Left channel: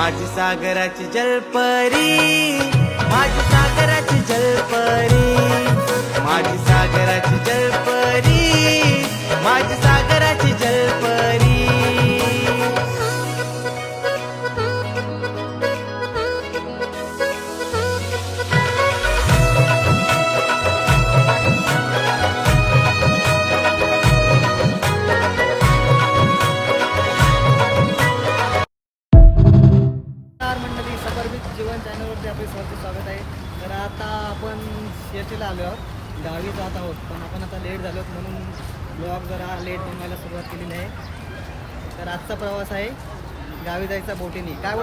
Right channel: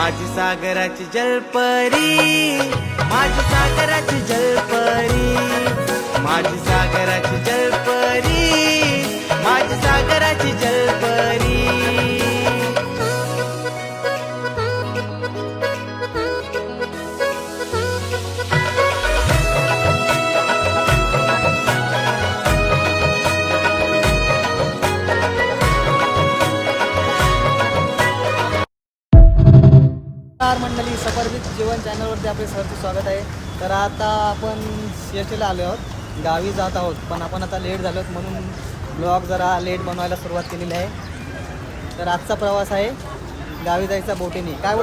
माझी सागराची जलपरी, माझी सागराची जलपरी, माझी सागराची जलपरी, माझी सागराची जलपरी. मंडळी, सफरबीत जीवन चॅनलवरती आपले सरचे स्वागत आहे. तर आता आपण सीएसटीला आलो आहोत, गावी जात आहोत. पण आपण आता लेट झालो म्हणून ब्लॉग जरा लेट बनवायला सुरुवात केलेली आहे. तर आजचा प्रवास आहे गावी जायचा बोटीने. काय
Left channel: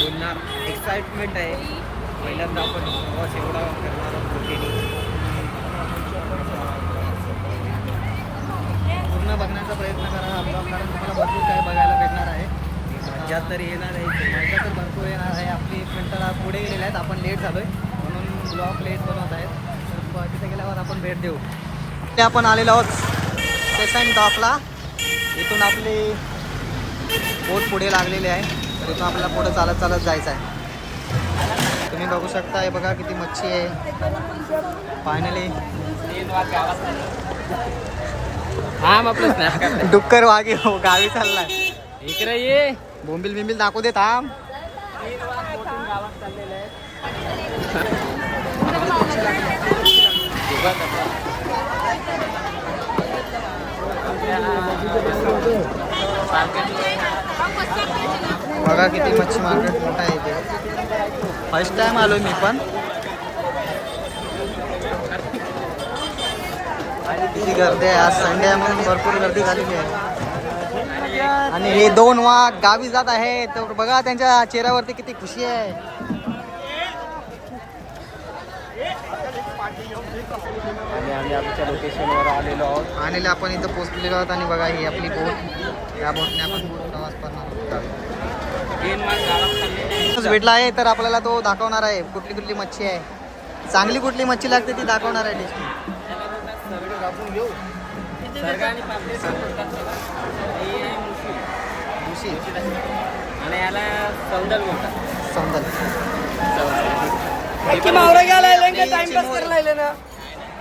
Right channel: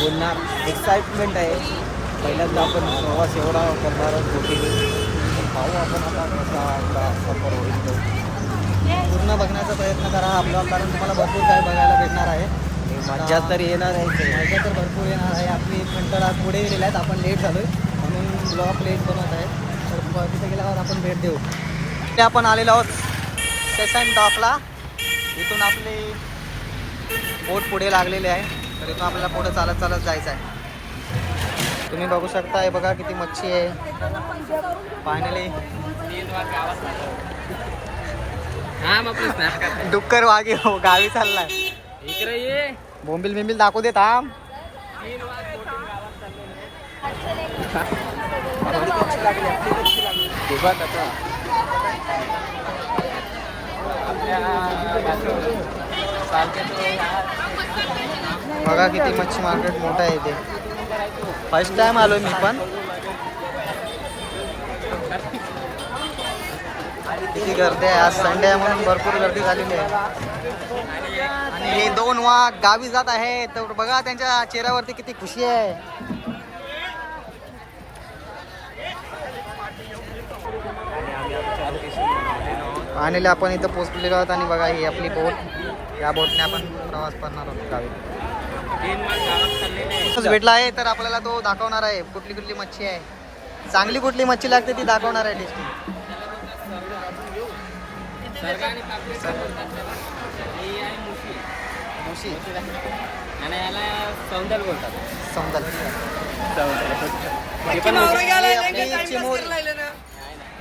बोलणार एक्साइटमेंट आहे. पहिल्यांदा आपण प्रवास एवढा करणार आहोत बोटीने. पण पाहू आपण आता कसा आपला सफर होईल. पूर्ण बघण्याचा प्रयत्न करा हा ब्लॉग, कारण तुम्हाला भरपूर काय बघायला भेटणार आहे. मजा तर येणार आहे, मजा तर भरपूर येणार आहे. आपली घंटा पुढे गेलेले आहेत, आपण लेट झालो आहे म्हणून ब्लॉग लेट बनवत आहेत. तर तिथे गेल्यावर आपण भेट देऊ. ते आपण आलेलो आहोत स्टेशन डॉकला. इथून आपली बोट पुढे लागलेली आहे. तर इथून आपल्याला पुढे चालत चालत जायचं आहे. तुम्ही बघू शकता, हे बघा किती मच्छी आहे. फायनली डुक्कर वागे हो गावी चाललाय. इकडे ये, बोंबिल बिंबिल दाखवू दे थांब. बघा किती मच्छी मार्केट मोठं आहे इथे. फर्स्ट टाइम आलोय मी पण. किती गर्दी आहे, आज संडे आहे म्हणून भरपूर गर्दी झालेली आहे. आणि हे दोन वाघ गावी जात आहे. तर बघा त्यांच्या चेहऱ्यावरती किती खुशी आहे. आणि आपण इथं पोहोचलेलो आहोत. आणि बघा ही आपली बोट, या बोटने आपण प्रवास करणार आहोत गावी. भेटला आहे तर आपल्याला तो दाखवणार आहे कुठली कुठली मच्छी आहे, चांगली कुठली मच्छी लागते ती दाखवणार आहे. आणि याला सौंदल बोलतात. सौंदल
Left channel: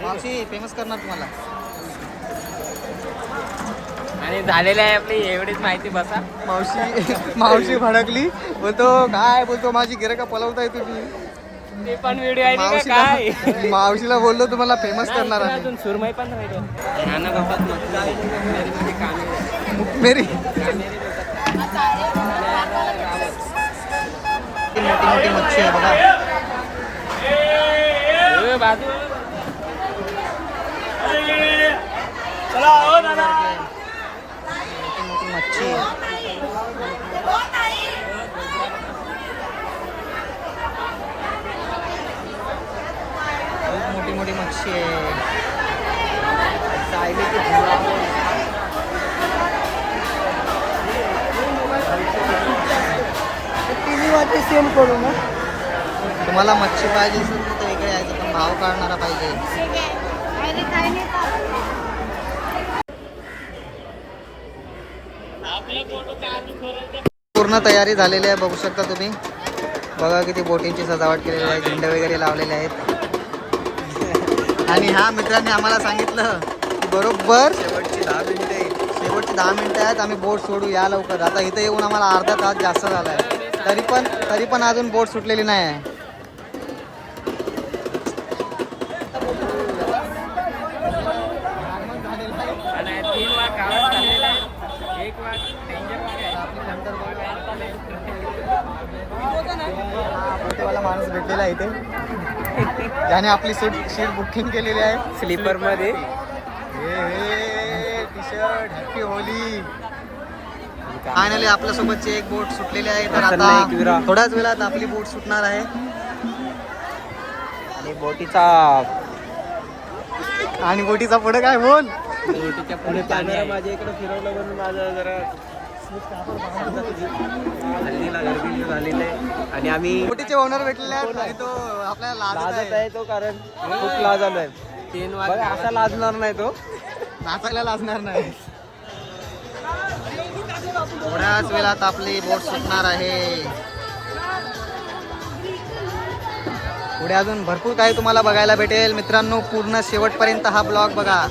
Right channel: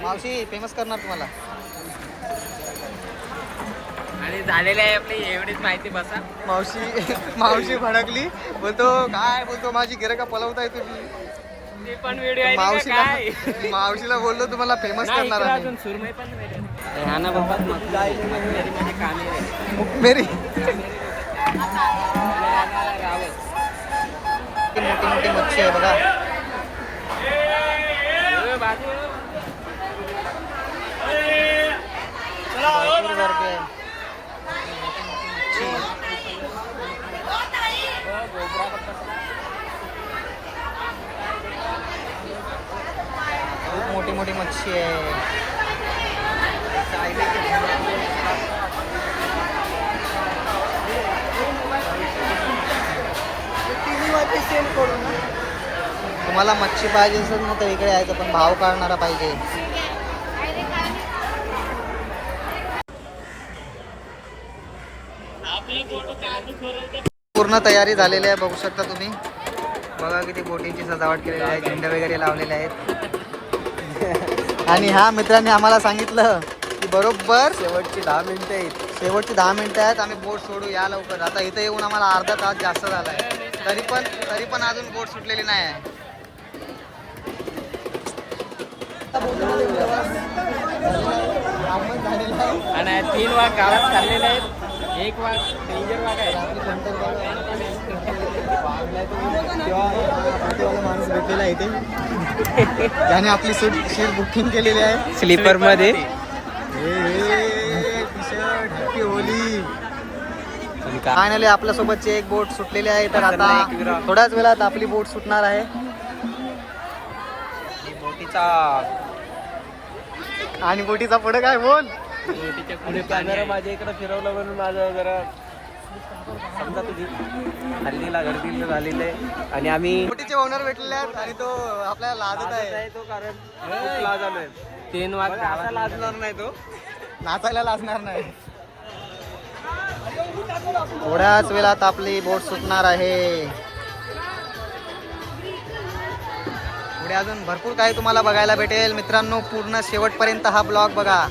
मावशी फेमस करणार तुम्हाला. आणि झालेले आहे आपली एवढीच माहिती. बसा. मावशी भडकली, बोलतो काय बोलतो माझी गिरायका पलवताय तुम्ही. ते पण व्हिडिओ मावशीला बोललो तुम्हाला फेमस करणार आहे. सुरमई पण नाना बोलतात मेरी मोठी मोठी मच्छी आहे बघा. मोठी मोठी मच्छी. खूप मोठी मोठी मच्छी आहे. तुम्हाला मच्छी पाहिजे असेल तर तो इकडे यायचं, पण भाव काढणारा पाहिजे. पूर्ण तयारी झालेली आहे, बघू शकता तुम्ही. बघा किती बोटींची सजावट केलेली आहे, झेंडे वगैरे लावलेले आहेत. आणि ह्या मित्रांनी आम्हाला सांगितलं की बरोबर शेवटची 10 मिनिटं आहेत, आम्ही बोट सोडू, या लवकर. आता इथं येऊन आम्हाला अर्धा तास जास्त झाला आहे, तरी पण अजून बोट सुटलेली नाही आहे. आगमन झालेलं आहे आणि 3 वाघ गावात चाललेले आहेत. 1 वाघ डेंजर वाघ आहे. आपली नंतर वाला माणूस भेटलेला आहे इथे, ज्याने आपली सीट बुकिंग केलेली आहे स्लीपर मध्ये. T shirt happy Holy. Finally आपल्या सोबतची एक बोट सुटलेली आहे. तर आता थोड्याच वेळात आपली बोट सुटणार आहे. बोटीचा पुढे काय बोल. बोटीच्या पुढे पाणी. माझ्या इकडे फिरवलं म्हणून माझ्या जरा समजा तुझी हल्लीला गर्दी झालेली. आणि आम्ही बोटीचे ओनर भेटलेले आहेत आणि तो आपल्याला लाजत आहे. तो कारण खूप लाजणार आहे. 3 वाघ असा लाजणार नाही, तो नाचायला लाजणार नाही. थोड्याच वेळात आपली बोट सुटणार आहे. पुढे अजून भरपूर काही तुम्हाला बघायला भेटेल मित्रांनो. पूर्ण शेवटपर्यंत हा ब्लॉग बघा.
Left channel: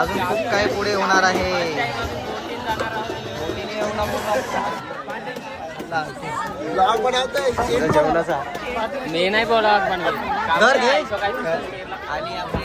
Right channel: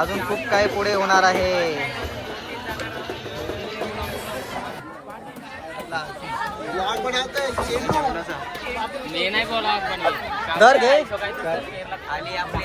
अजून खूप काही पुढे होणार आहे. मी नाही बोला घर घे. आणि आपली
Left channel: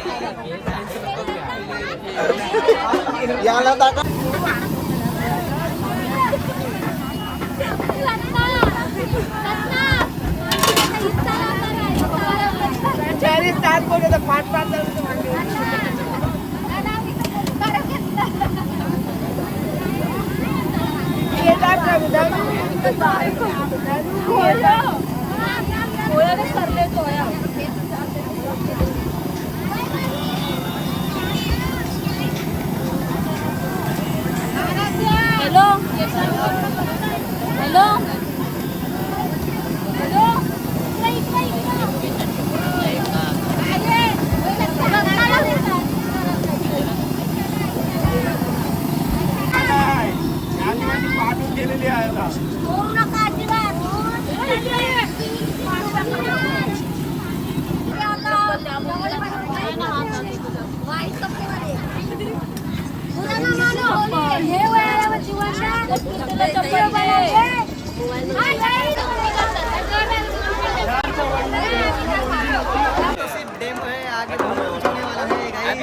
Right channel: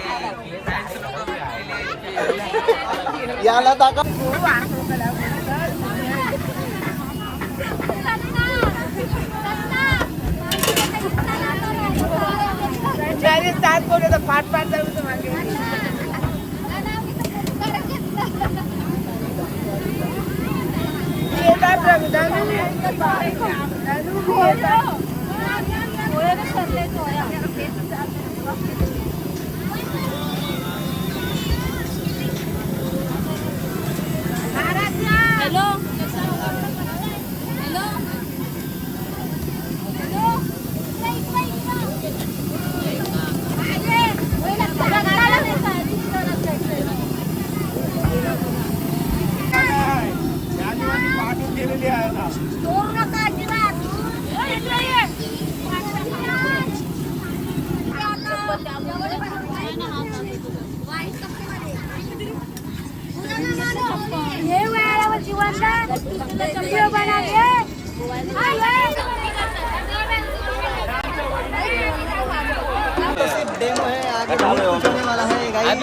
डेमो है आगे बहुत कुछ होने वाला है गाइस.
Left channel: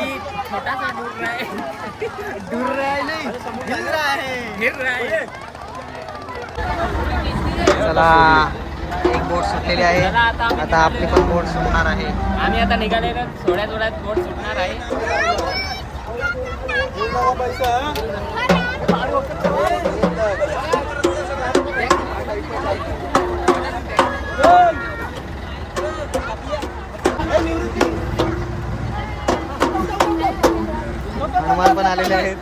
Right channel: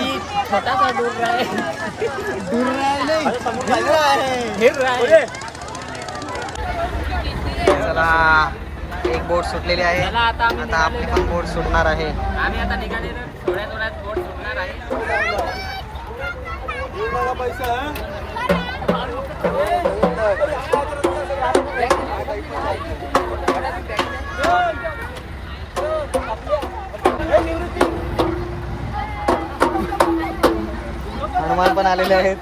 छोटा सा डूब रहा है. दूर रहा है नहीं, हिल रहा है. चला एक बोट सुटलेली आहे. आता आपली पण बोट सुटणार आहे. आम्ही आता निघालेलो थोड्या थोड्यात बोट सुटणार आहे. हनुमान पण आलेले आहेत.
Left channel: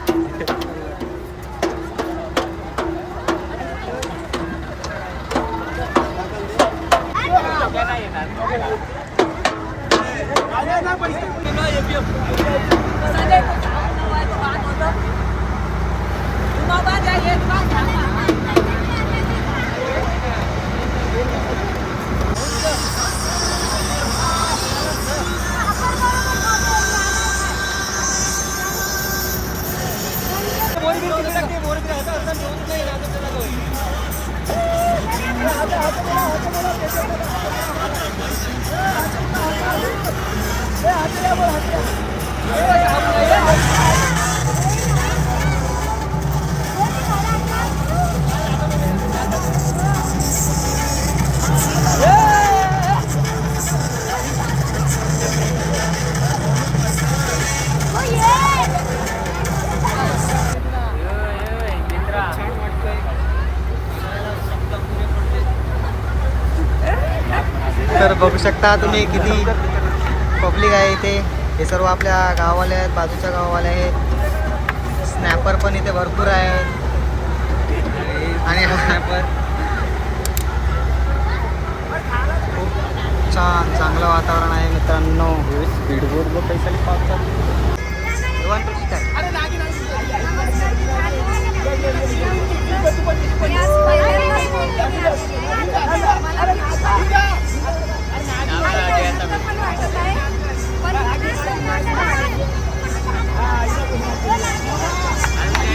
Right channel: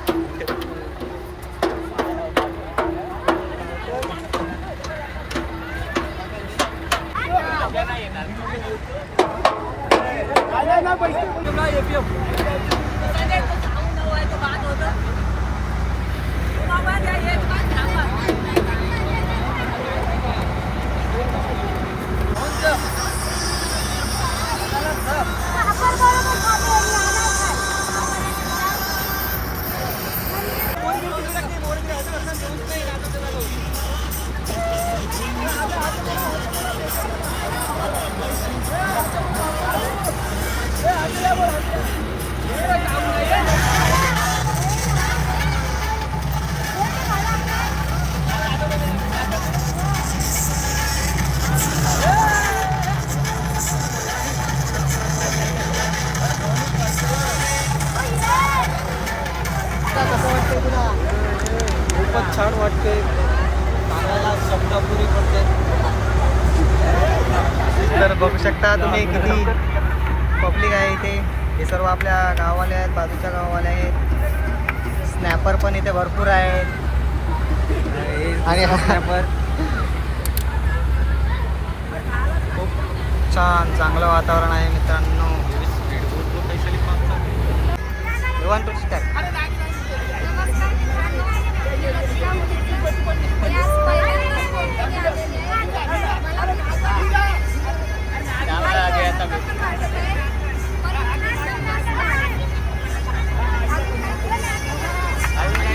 छान वाटते. सांगायला शब्द पुरे पडते. तर बघू शकता तुम्ही किती पब्लिक आहे इथे. हे सर्व आपल्या गाववाले आहेत, बाजूच्या गाववाले आहेत. स्नॅपर पण इथे भरपूर आहेत. आणि खूप छान चांगलं वातावरण आहे मित्रांनो.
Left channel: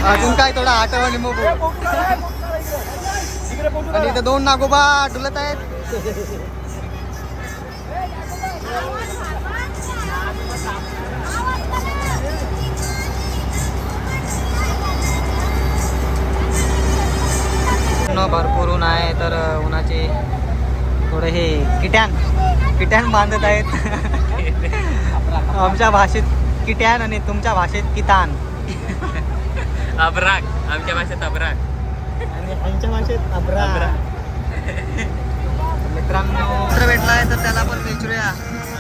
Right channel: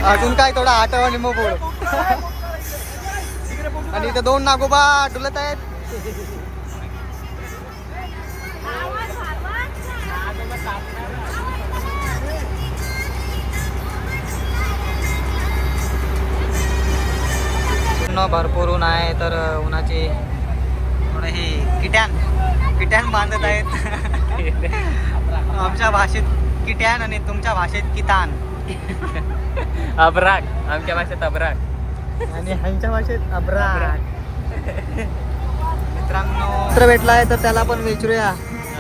अजून काय थोडा आठवणी मग. आणि इथे दोन नागोबा डुलत आहेत. भरपूर ऊन आहे. तर उन्हाचे थोडं हे किट्यान बांधत आहेत. आमच्या भाषेत किट्यान आणि तुमच्या भाषेत कितान. अब्राक. आमच्या भाषेत अब्राक आणि ह्यांच्या भाषेत अब्राक. मित्रांनो मित्र भेटलाय तर त्याला पण विचारूया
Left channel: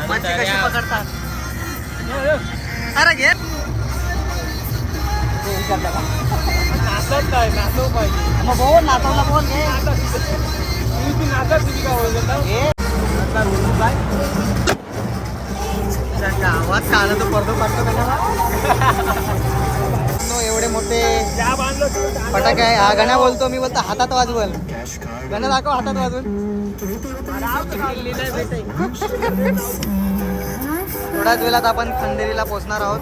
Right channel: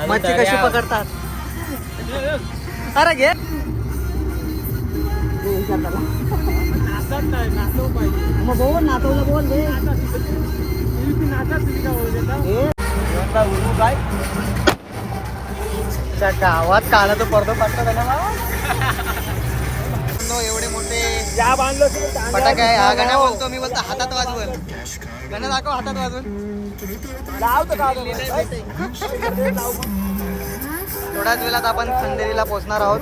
मच्छी कशी पकडतात. अरे घे मग बोल नाचवला बोल घे. गावात काला तो पडदो काढतो का मित्रांनो एवढे मोठे फटाके आहे. हा गण्या बोलतो, मी बोलतो हातात वाजवल. गण्या दाखव हातात वाजवून. थोड्याच वेळात आपण खंदेरीला पोहोचणार आहोत.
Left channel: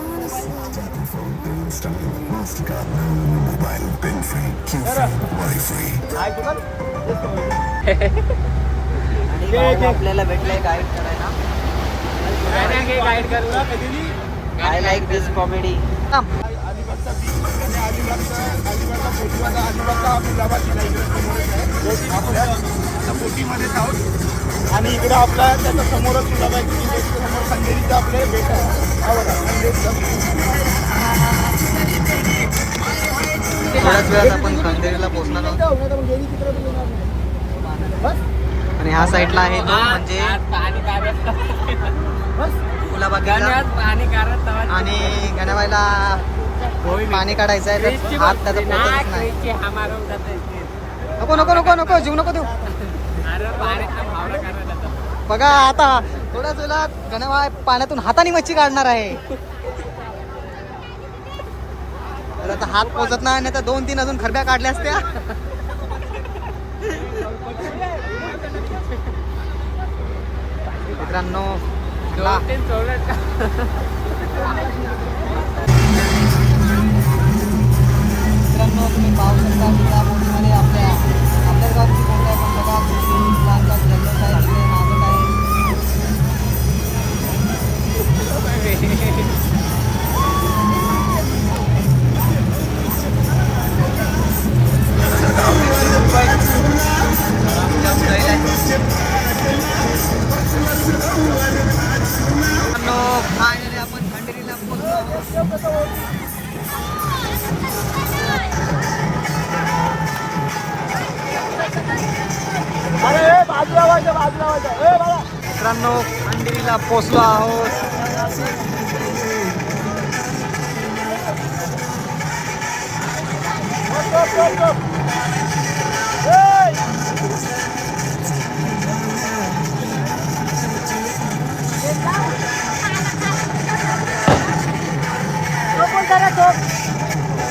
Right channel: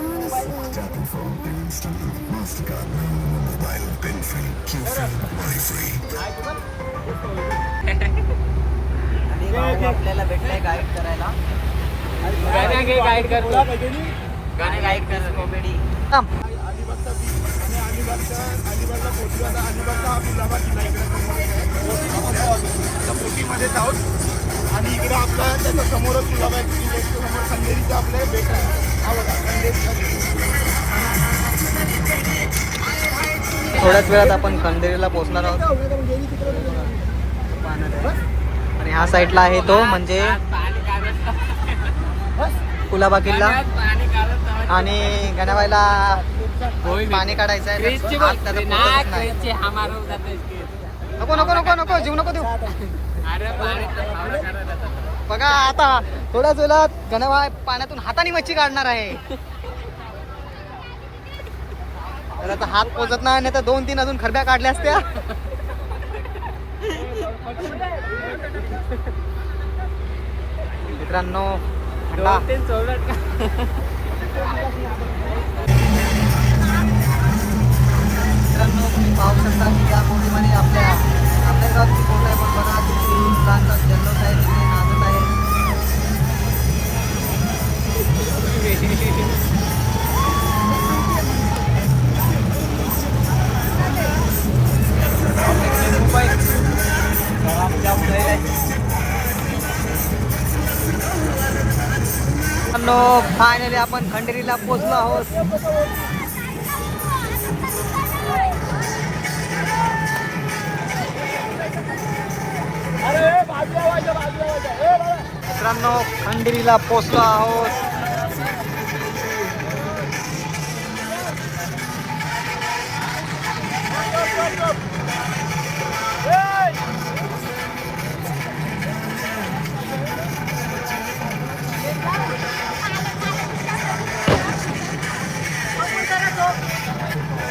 आणि भाऊ आपल्याला भेटलाय गाईड करायला. गाईड करतो. I like this comedy. बोटीमध्येच आहोत आणि इकडे आपला त्याच्या समोरच गुलाबाची समोर खंदेरीचं आपले बेट आहे. हा बघा खंदेरीचा. थोड्याच वेळात आपण खंदेरीला पोहोचणार आहोत. आणि ह्या साईडला आहे तो म्हणजे कुलाबा किल्ला. आणि गणाबाईला पाणी काढायचं आहे तर हात त्याचा पोचतच नाही. नको नको नको नको जीव नको देऊ. बघा आता थोड्याच वेळात गणाबाई पाण्यातून हाताने मच्छी काढणार आहे. तर आता हात पोचत नाही तर 2-3 अजून खरब्या काढल्या असत्या. मित्रांनो हल्ला मित्रांनो तुम्ही पाहू शकता की या बोटीमध्ये आपल्या अंतर्गत बघा जल्लोष आहे, तिथे नाचत आहे. फायनली आपण खंडेरीला पोहोचलो आहोत. मित्रांनो खंडेरीला पोहोचलो आहोत.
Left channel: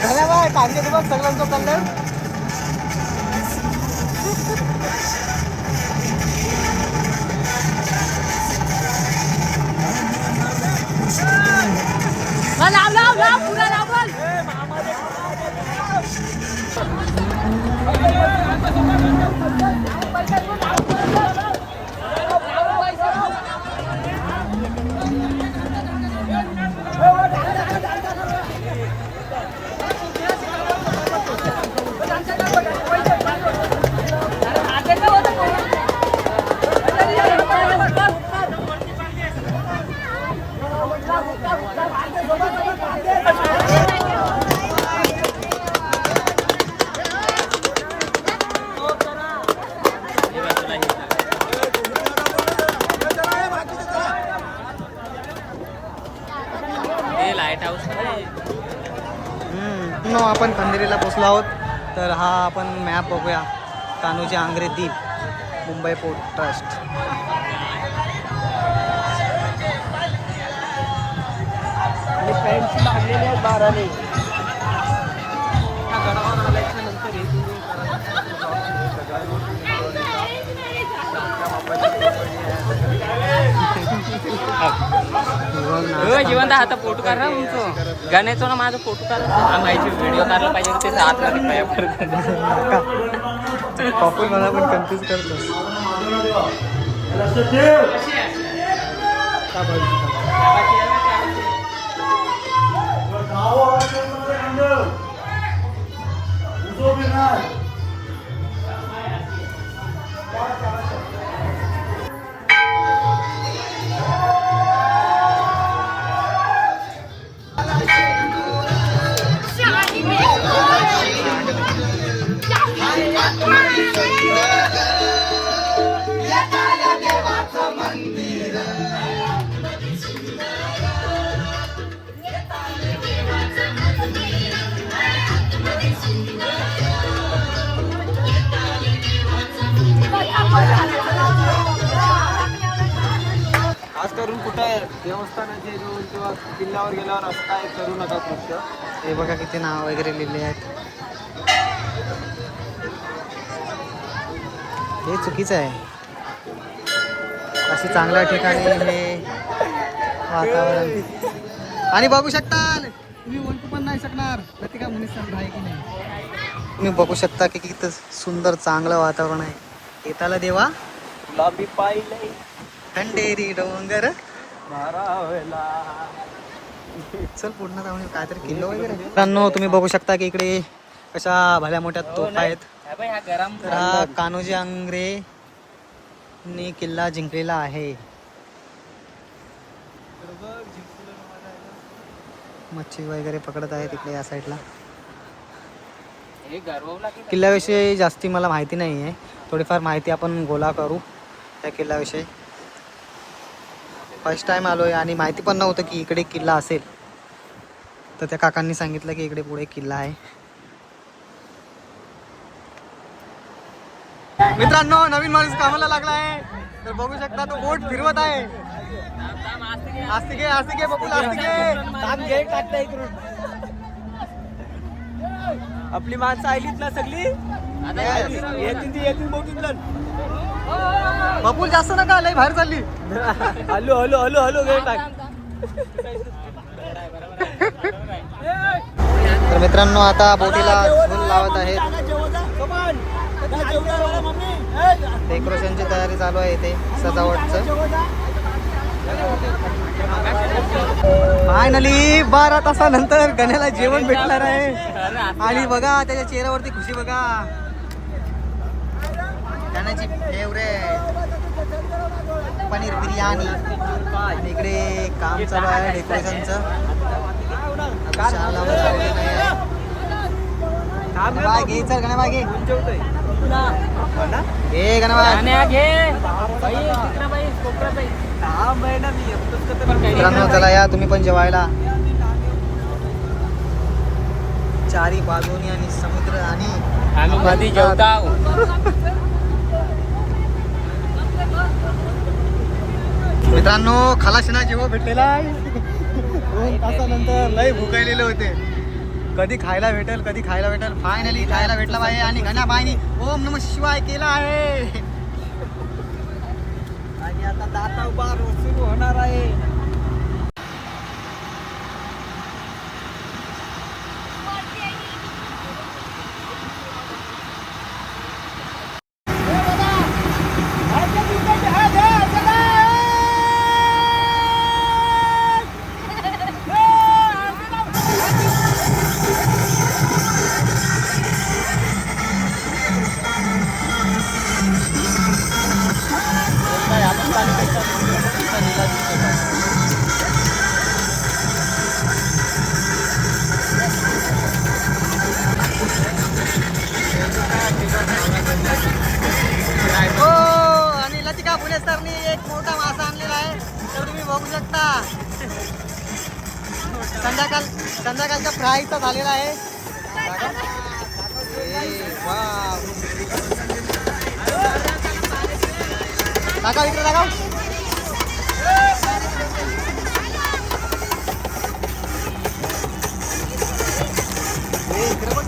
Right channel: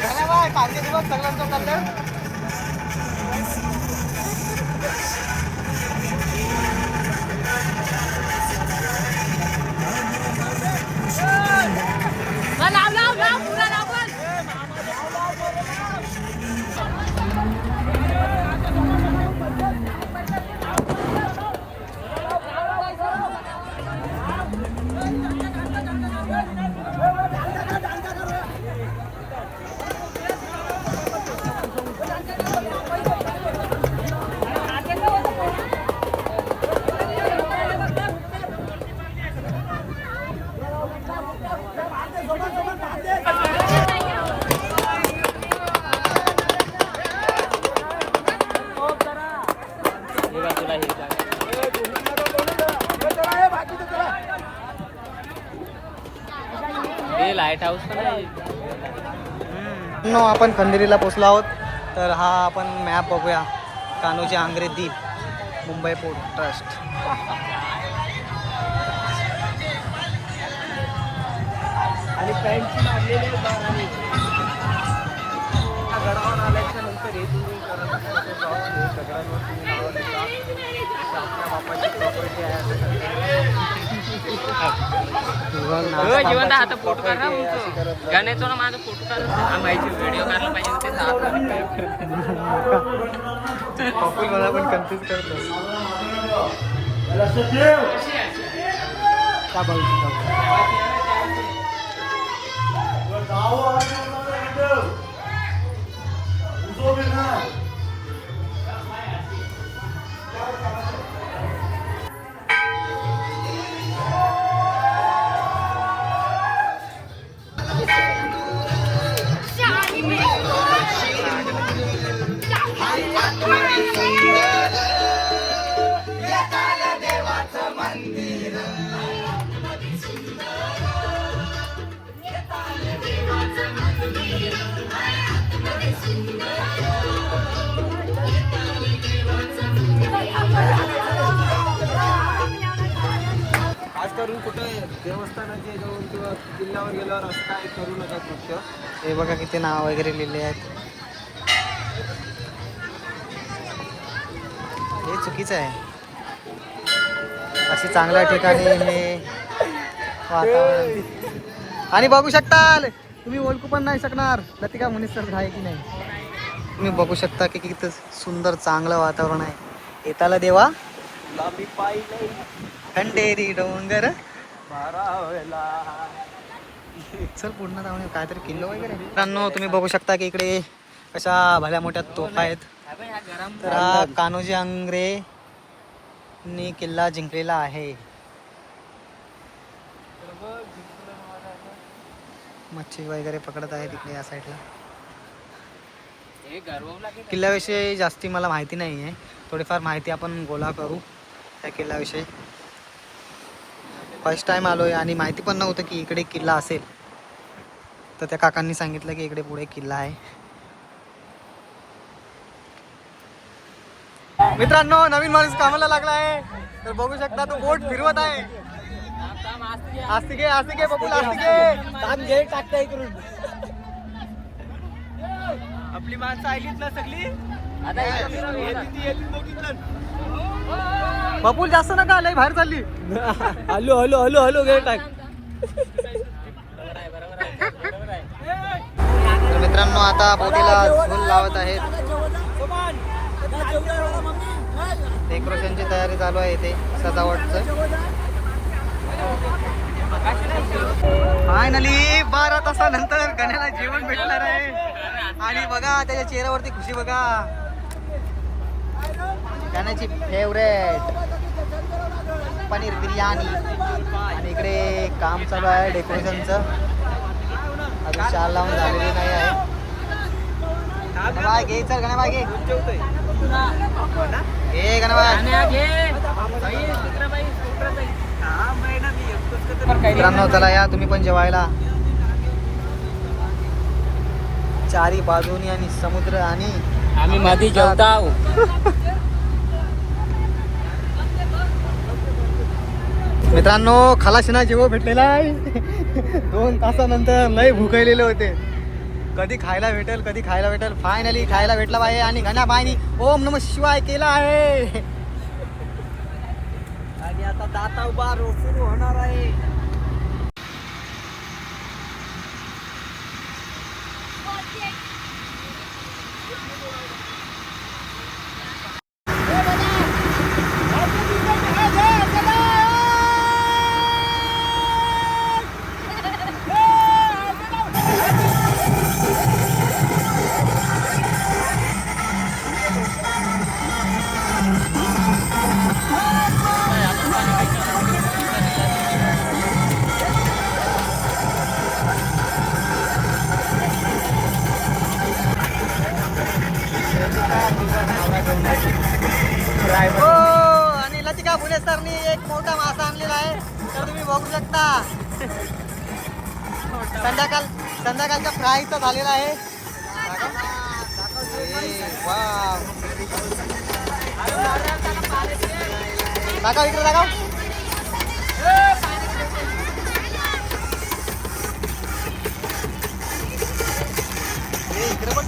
धन्यवाद सांगते तुम्हाला सगळ्यांचा कल्याण. आपण खंदेरीला पोचलो आहोत. तर हा आपण मॅप बघूया. कान्होजी आंग्रे द्वीप, मुंबई पोर्ट ट्रस्ट. आणि पॅन्टची लागलेली आहे 12 ने. त्या गडावर आल्याच्या नंतर हे तुम्ही करत असता तो जॉब दगडांवर तुम्ही नाव लिहिता. आपल्या बापाची प्रॉपर्टी आहे. जिवंत आता फोटो काढा तुमचं गाण्याचं ना माझा फोटो काढा माहिती व्हिडिओ काढला पाहिजे. पॉपुल मला पण कन्फ्यूज करतो. खास करून कुठं देवस्थानाच्या जवळ किंवा किल्ल्यावर गेल्यावर असं काय करू नका कृत्य. हे बघा किती नाव वगैरे लिहिले आहेत. हे चुकीचं आहे. अशी चांगल्या ठिकाणी हे वातावरण. आणि बघू शकता तुम्ही ओळखू पण नाही शकणार लतिका मुनीसर आहे की नाही. तुम्ही बघू शकता की किती सुंदर चांगलं वातावरण आहे. येताला देवा गुलाबी पाहिलंय खंडेरी डोंगर. भारावला. चल पूर्ण जाऊन काहीतरी किल्लो वगैरे. मित्रांनो तुम्ही बघू शकता की इकडे कशा भल्या मोठ्या तोफा आहेत. तर हा कान्होजी आंग्रेनी किल्ला जिंकलेला आहे. मच्छी वगैरे पकडत आहे तिकडे या साईडला. किल्ल्याविषयी जास्ती मला माहिती नाही आहे. थोडीफार माहिती आपण गोळा करू त्या किल्ल्याविषयी. फर्स्ट टाइम आलोय आणि माहिती पण नव्हतं की इकडे किल्ला असेल. तर त्या काकांनी सांगितलं की इकडे पुढे किल्ला आहे. मित्रांनो नवीन माणूस कामाला लागला आहे. तर बघू शकता तो बोट फिरवत आहे. आस्तिके बघू आस्तिके. आपली माणसं आलीत ना सगळी. बबूल जास्त नका लय बाहेर चालली. हॅलो हॅलो हॅलो हॅलो गे टाक. तर मित्रांनो आता बोटीला झूल लावत आहेत. डेकोरेशनची तयारी चालू आहे इथे सजावटचं. फायनली 12 तासानंतर गण्याला जेवण भेटणार आहे. आणि बघा त्याच्या चेहऱ्यावरती खुशी बघा. गण्याची फेवरेट पनीर बिर्याणी. आणि इकडे काम चालू आहे डेकोरेशनचं. अजून शाल लावून झालेली नाही आहे. गणबाई घे चल गणबाई घे. घे गणबाई. मित्रांनो चला या तुम्ही पण जेवायला. चारी बाजूनी आणि समुद्र आणि आम्ही मध्ये जेवतो. मित्रांनो खलाशीना जेव भेटलेला आहे. 2 तासानंतर लय भुकलेले होते. कधी खायला भेटेल. फायनली खायला भेटला पाहिजे. आणि गणाबाईनी ओम नमः शिवाय केला आहे. आणि आता दाता बार सुरू होणार आहे. हो आणि लतिका फुले सरनी एक मोठा मासा आणलेला आहे. तर तुम्ही बघू शकता. संध्याकाळचा फ्राय तर झालेला आहे. वाव दाखव इकडे दाखव. इकडे पण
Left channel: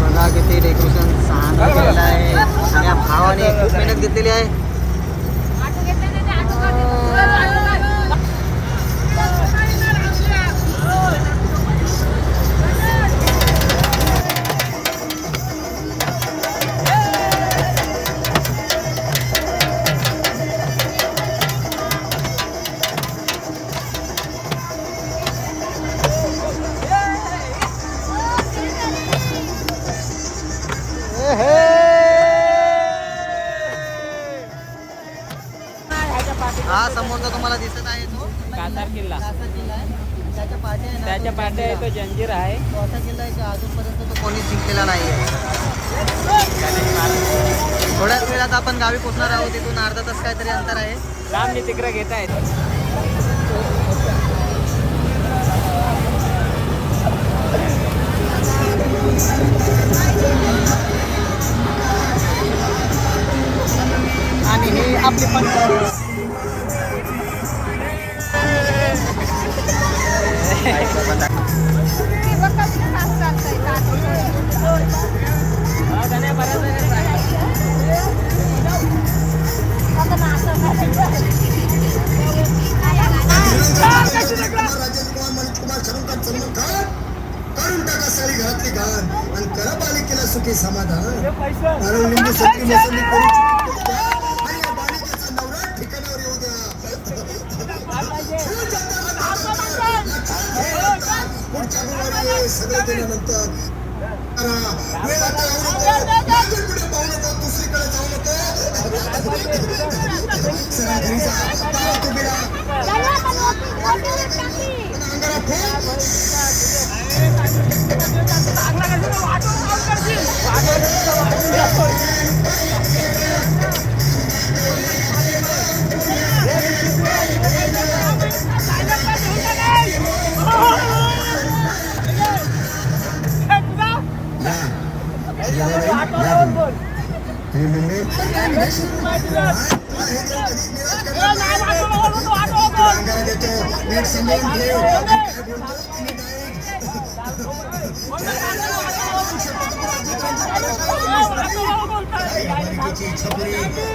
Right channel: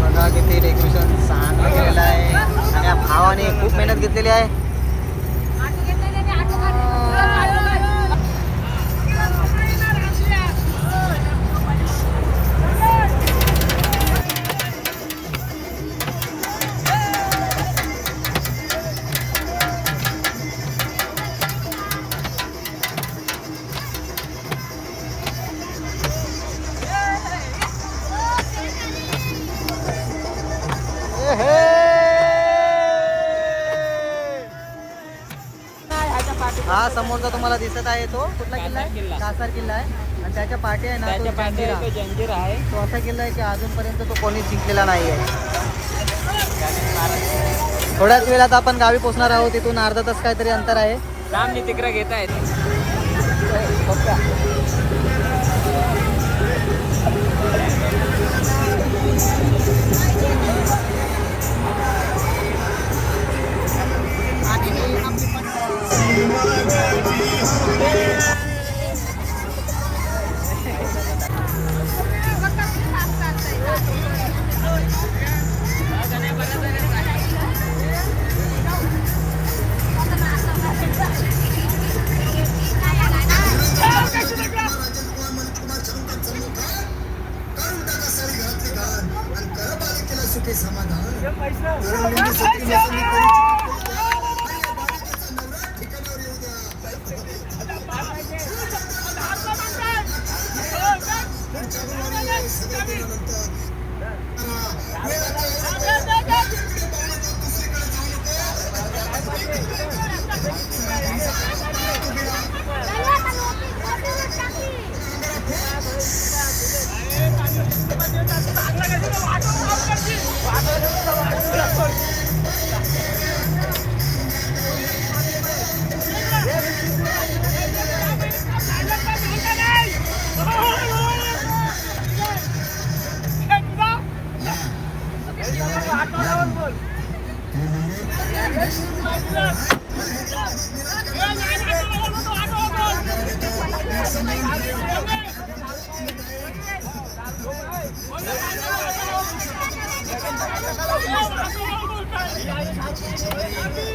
बघा किती डेकोरेशन चांगलं केलेलं आहे. आणि या भावाने खूप मेहनत घेतलेली आहे. हा समोरचा तुम्हाला दिसत आहे तो कासार किल्ला आहे. आणि त्याच्या पाठी आहे ना त्याच्या पाठी आहे तो जंजीर आहे. तो असा किल्ला आहे की अजूनपर्यंत तो कोणीच जिंकलेला नाही आहे. थोड्याच वेळात आपण गावी पोहोचणार आहोत. तिथून अर्धा तास काहीतरी अंतर आहे. मी तिकडे घेत आहेत. आपली पंढर. सुखी समाधान लिंबू सोपी मोसंबी करू आणि या बालिकेचा नवरा ठिकाणावर येऊ द्या. पुढच्या गुरुवारी सगळं केल्यानंतर वेळ आता यातून पुढे पाहू नको, दुसरीकडे जाऊ नको. सरळ घरी जा. काय तो बिडा अंगाला फूक.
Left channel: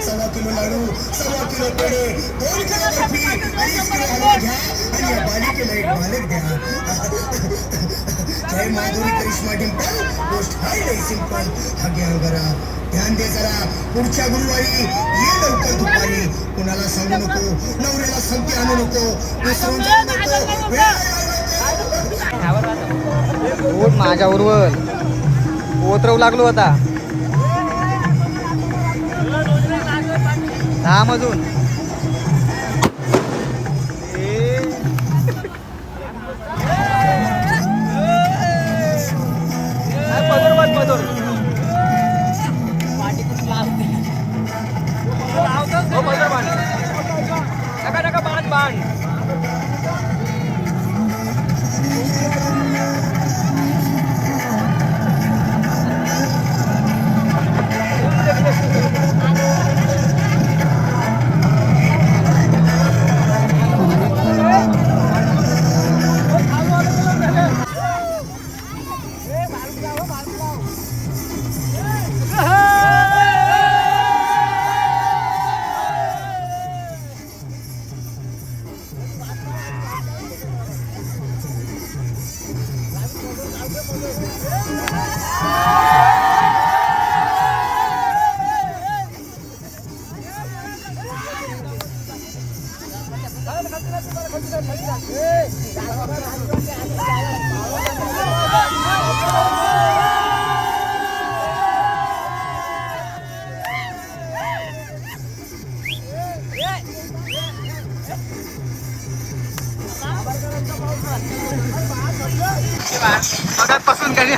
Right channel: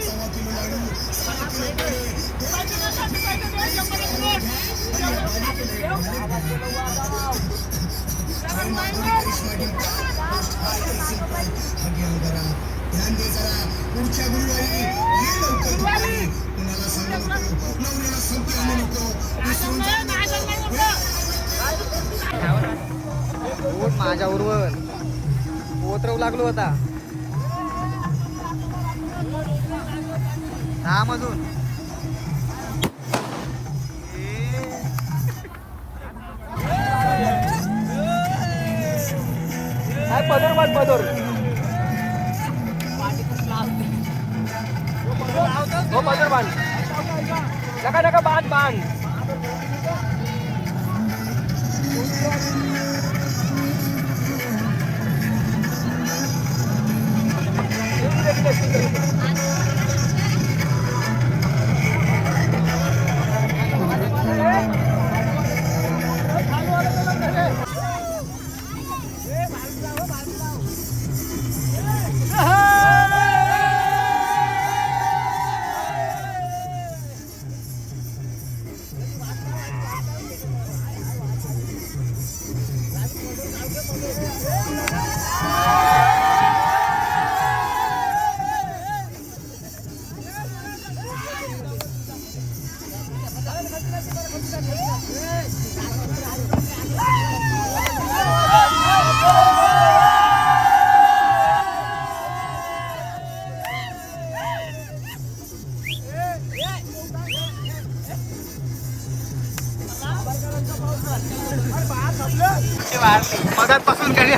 सव्वा किलो लाडू, सव्वा किलो पेढे, 2 किलो कॉफी, 2 किलो हलवा घ्या आणि या बालिकेला एक मालक द्या. जय माधुरी करिश्मा डिंपल, पोस्ट हाय लय सिंपल. हा घ्या जरा, ध्यान दे जरा. पुढच्या गुरुवारी ये लवकर दुपारी. कुणाला सांगू नको, नवऱ्याला संगती आणू नको, विसरून जाऊ नको. पोट माझ्या उरवल ओतरवू लागलो आता. 10 मधून मगापासून कधी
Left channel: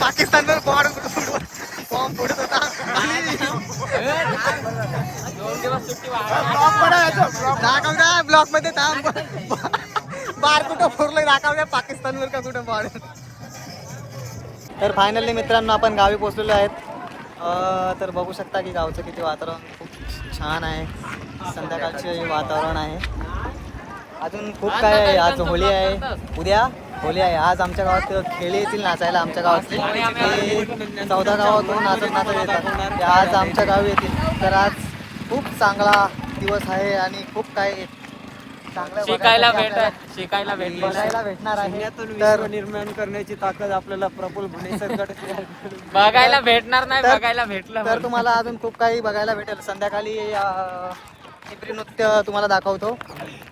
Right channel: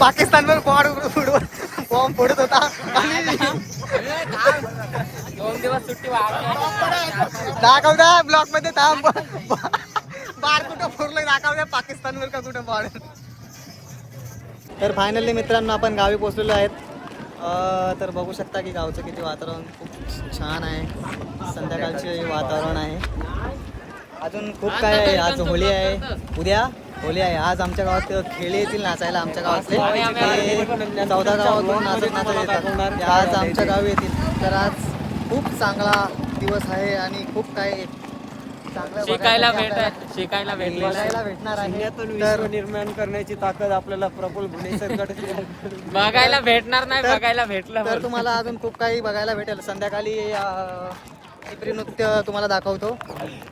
पाकिस्तानवर बॉम्ब फोडत होता. दाखवता ब्लॉक मध्ये थांब. बार कुठं फोडलंय दाखवल्या पाकिस्तानवर का कुठं बॉर्डर. तर फायनली मित्रांनो आपण गावी पोहोचलेलो आहेत. तर बघू शकता की गावचं किती वातावरण खूप छान आहे. संध्याकाळचे वातावरण आहे. अजून खूप काय आहे. आज होळी आहे, उद्या होळी आहे. आज आमच्या गावात खेळी येतील नाचायला. आमच्या गावातले 14 गावातून नाचत येतात. ते आज आमच्या गावी येतील. तर आज खूप चांगला दिवस आहे आणि खूप काय शिकायला भेटणार आहे. विश्व निर्माण करण्याची ताकद आपल्याला प्रफुल्ल भुणेसरकडे बघायला भेटणार नाही, बघायला भेटलं. तर तुम्हाला अजून खूप काही बघायला भेटेल. संध्याकाळी टिपरी नृत्य तुम्हाला दाखवतो.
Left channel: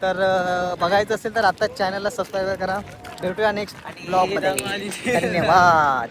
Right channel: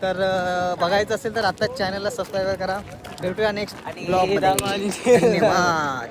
तर बघायचं असेल तर आत्ताच चॅनलला सबस्क्राईब करा. भेटूया नेक्स्ट ब्लॉगमध्ये. धन्यवाद.